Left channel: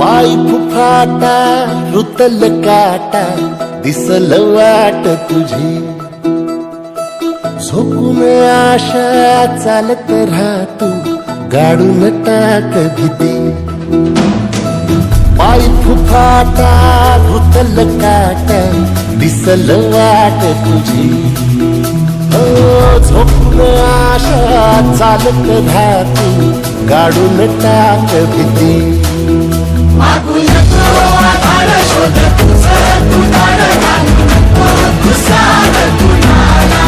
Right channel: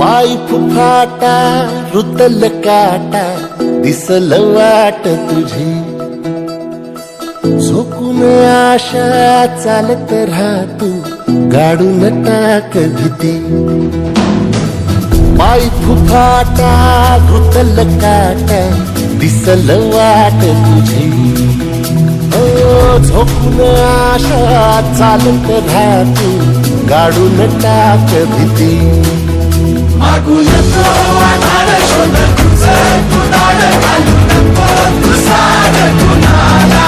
पाय फुफाटा रुतल काटा दिसल वाट तुझी, झोकून आशा चालत राहा तू गाडून टाक भीती. पाय फुफाटा रुतल काटा दिसल वाट तुझी, हो झोकून आशा चालत राहा तू गाडून टाक भीती. मागू नको आधार शोध तुझं तू धाड घालू नको तू साध कुणाला.